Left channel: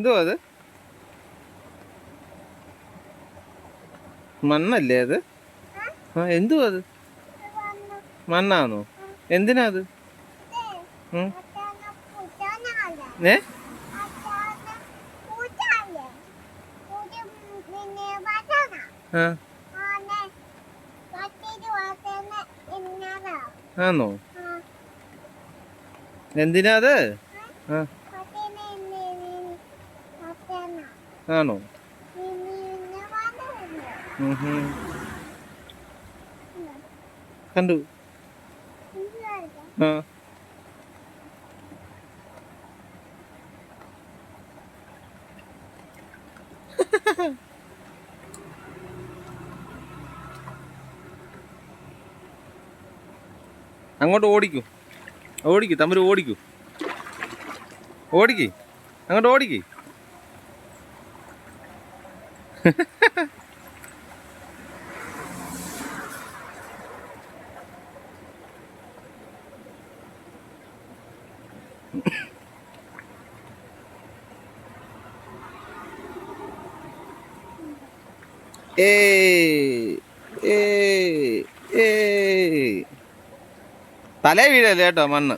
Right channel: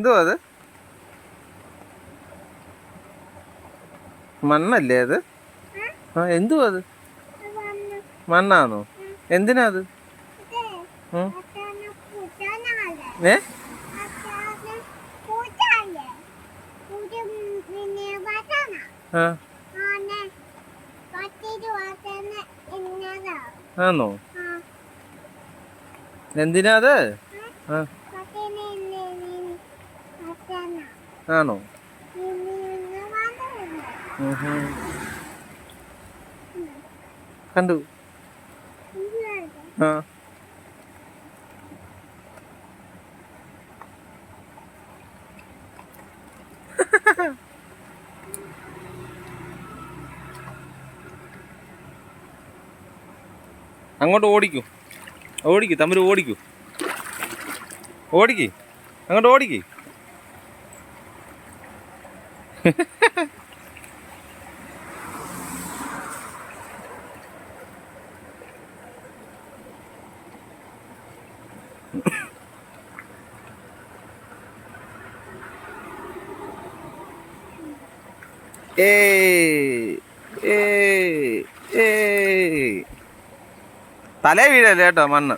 എന്തുവാ അത്? മണ്ണല്ലേ അത്? ആ എന്തുവാ അത്? മണ്ണാണോ? എന്തിനാ അത്? ഏ ആണോ? എന്തിനാ അത്? ആണോ? കണ്ടു. ആ അങ്ങോട്ട് ഓടിക്കൂ, ഓടിക്കൂ, തമ്മിൽ ഓടിക്കൂ, ഓടിക്കേ, അങ്ങോട്ട് ഓടിക്കേ. തലേ വീഴല്ലേ കേട്ടോ മണ്ണ്.